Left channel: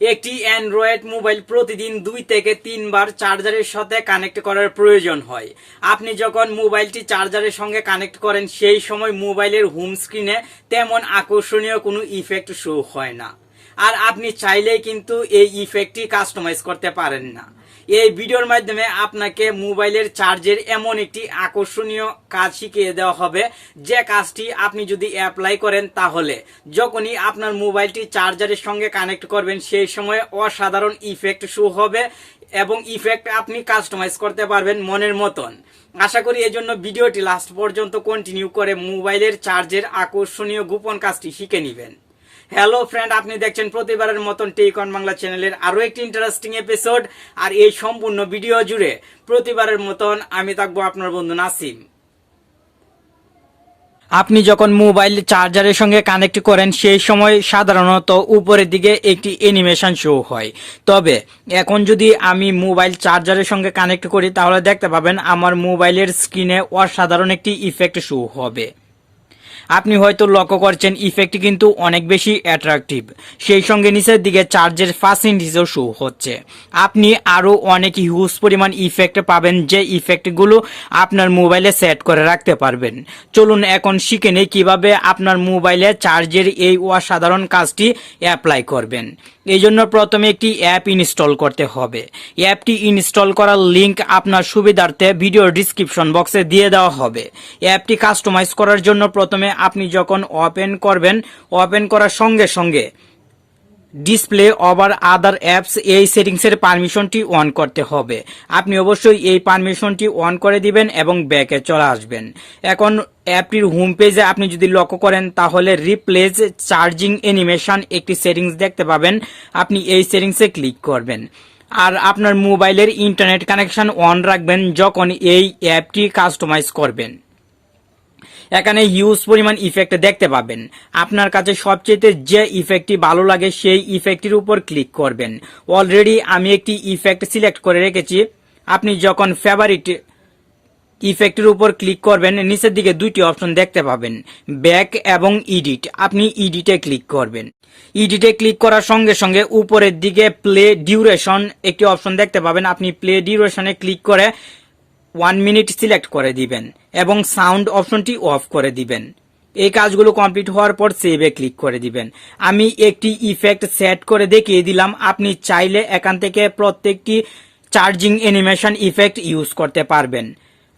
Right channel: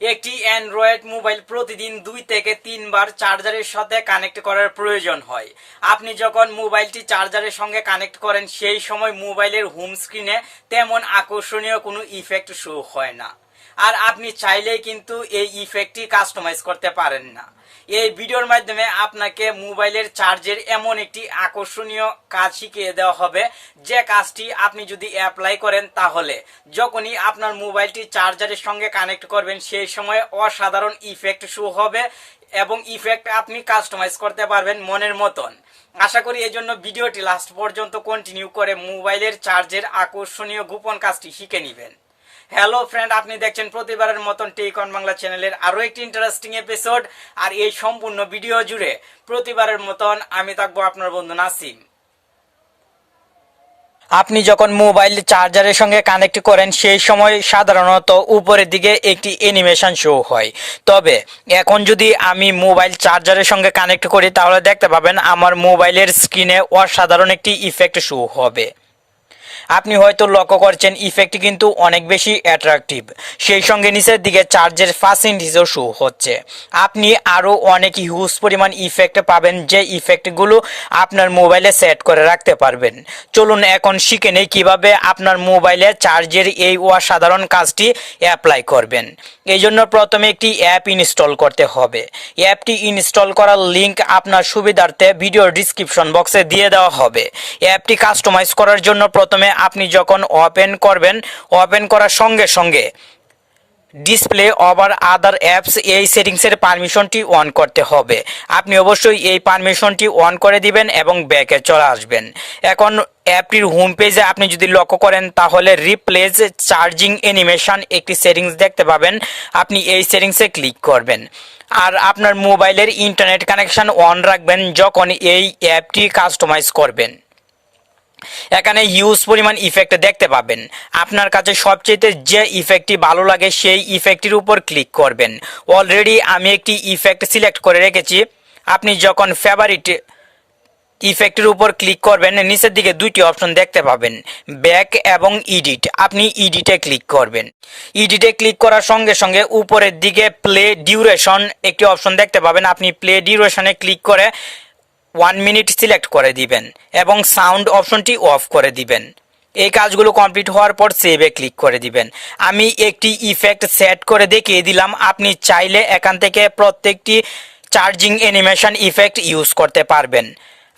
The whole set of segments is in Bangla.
একটি অ্যান্ড্রয়েড মোবাইল প্রতিদিন 2 থেকে 3 বার চার্জারের সাথে কানেক্ট করার প্রয়োজন হয়। আপনি যখন মোবাইলটি চার্জারের সঙ্গে কানেক্ট করেন সেই সময় মোবাইলের হোম স্ক্রিনে তেমন আকর্ষণীয় কোনো ইফেক্ট শো হয় না, আর আপনি চাইলেই কিন্তু এই ইফেক্টটি কাস্টমাইজ করতে পারেন না। এই ভিডিওর মাধ্যমে আপনাকে মোবাইলের চার্জের এমন একটি আকর্ষণীয় কাজ শিখিয়ে দেওয়া হবে, যে কাজটি আপনি যদি অ্যাপ্লাই করেন তাহলে যখনই আপনার মোবাইলটি চার্জারের সঙ্গে কানেক্ট করবেন সেই সময় অসাধারণ ইফেক্ট শো হবে এবং ইফেক্ট আপনি কাস্টমাইজ করতে পারবেন মনের মতন। আশা করি এই জন্য ভিডিওটি লাস্ট পর্যন্ত কন্টিনিউ করে মোবাইলের চার্জের আকর্ষণীয় গোপন কাজটি শিখে নেবেন। হ্যালো ফ্রেন্ড, আপনি দেখছেন প্রতিবারের মতন টেক অন বাংলা চ্যানেলের আরো একটি ইন্টারেস্টিং এপিসোড। আর এই সম্পূর্ণ ভিডিও জুড়ে প্রতিবারের মতন আমি থাকবো আপনার বন্ধু নাসিম। আপনি যখন মোবাইল চার্জারের সঙ্গে কানেক্ট করেন সেই সময় সাধারণত উপরের দিকে একটি অ্যানিমেশন শো হয়, তবে এখন যদি আমি মোবাইল চার্জারের সঙ্গে কানেক্ট করি তাহলে দেখতে পাবেন আমার মোবাইলের স্ক্রিনে অসাধারণ একটি ইফেক্ট শো হবে। আপনি হয়তো লক্ষ্য করছেন ইফেক্টটি কিন্তু অনেক বেশি অ্যাট্রাকটিভ, সেই সঙ্গে নিচের দিকে চার্জের পার্সেন্টেজও শো হচ্ছে। আপনি আরও অনেক হিউজ পরিমাণ ইফেক্ট পাবেন, যে ইফেক্টগুলো আপনার মোবাইলে সেট করে রাখতে পারবেন। চলুন এখন শিখে নেই কীভাবে আপনার মোবাইলে চার্জের এই অসাধারণ কাজটি অ্যাপ্লাই করবেন। এই জন্য প্রথমে একটি অ্যাপ ইনস্টল করতে হবে। অ্যাপটি ইনস্টল করার লিঙ্ক আপনার সুবিধার্থে ভিডিও ডিসক্রিপশন বক্সে দিয়ে দেওয়া হবে। অ্যাপটি কাস্টমাইজ করার জন্য প্রথমে আপনি যখন ওপেন করবেন, ওপেন করার সঙ্গে সঙ্গে ডিসপ্লে ওভার আদার অ্যাপস এই সেটিংসের পারমিশনটি অন করতে হবে। আপনি অবশ্যই এই পারমিশনটি অন করে দিবেন এবং ব্যাকে চলে আসবেন। এখন অ্যাপটির হোম পেজে আপনি যদি লক্ষ্য করেন তাহলে রিপ্লেস চার্জিং অ্যানিমেশন একটি সেটিংস দেখতে পাবেন। আপনি এই সেটিংসে ক্লিক করবেন আর আপনার মোবাইলের ইন্টারনেট কানেকশন অন রাখবেন যখন এই অ্যাপটি কাস্টমাইজ করবেন। এখানে হিউজ পরিমাণ ইফেক্ট দেখতে পাবেন। আপনার কাছে সবচেয়ে যে ইফেক্টটি ভালো লাগে সেই ইফেক্টটির উপর ক্লিক করবেন। অলরেডি আমি একটি ইফেক্ট সিলেক্ট করে রেখেছি। আপনি যখন ফেভারিট ইফেক্টের উপর ক্লিক করবেন নিচের দিকে দুইটি অপশন দেখতে পাবেন, ব্যাক এবং এডিট। আপনি এডিটে ক্লিক করবেন। এডিটে ক্লিক করার সঙ্গে সঙ্গে উপরের দিকে প্লে ডিউরেশন একটি অপশন দেখতে পাবেন। আপনি প্লে ডিউরেশনে ক্লিক করে 1 মিনিট সিলেক্ট করে দিবেন এবং সাউন্ড অপশনটি অফ করে দিবেন। এই কাজগুলো কমপ্লিট হওয়ার পর সেভে ক্লিক করে দিবেন। আমি একটি ইফেক্ট সেট করে দেখিয়ে দিলাম। আপনি চাইলে এখান থেকে প্রত্যেকটি চার্জিং অ্যানিমেশন ইফেক্ট ইউজ করতে পারবেন।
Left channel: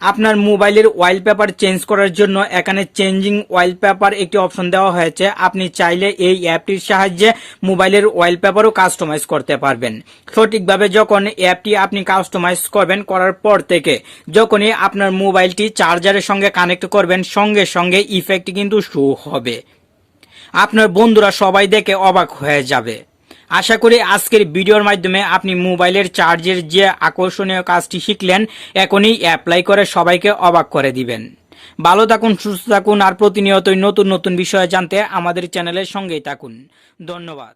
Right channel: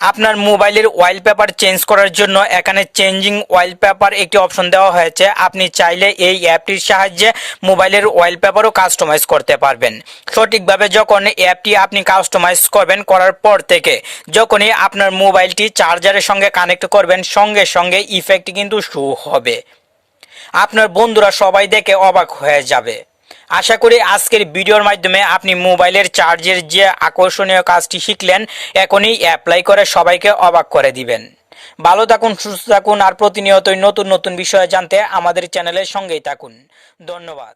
আপনার মোবাইলের ওয়ালপেপার চেঞ্জ করার জন্য এখানে চেঞ্জিং ওয়ালপেপার একটি অপশন দেওয়া হয়েছে। আপনি চাইলে এই অ্যাপটির সাহায্যে মোবাইলের ওয়ালপেপারও কাস্টমাইজ করতে পারবেন। সঠিকভাবে যখন অ্যাপটি আপনি কাস্টমাইজ করবেন, করার পর থেকে যখনই আপনার মোবাইলটি চার্জারের সঙ্গে কানেক্ট করবেন সঙ্গে সঙ্গে ইফেক্ট কিন্তু শো হবে। আপনার বন্ধুরা সবাই দেখে অবাক হয়ে যাবে। আশা করি আজকের ভিডিওর মাধ্যমে আপনি মোবাইলের চার্জের যে আকর্ষণীয় কাজটি শিখলেন এখনই অ্যাপ্লাই করে সবাইকে অবাক করে দিবেন। ভালো থাকুন, সুস্থ থাকুন আর প্রতিনিয়তই নতুন নতুন বিষয় জানতে আমাদের চ্যানেলের সঙ্গেই থাকুন। ধন্যবাদ।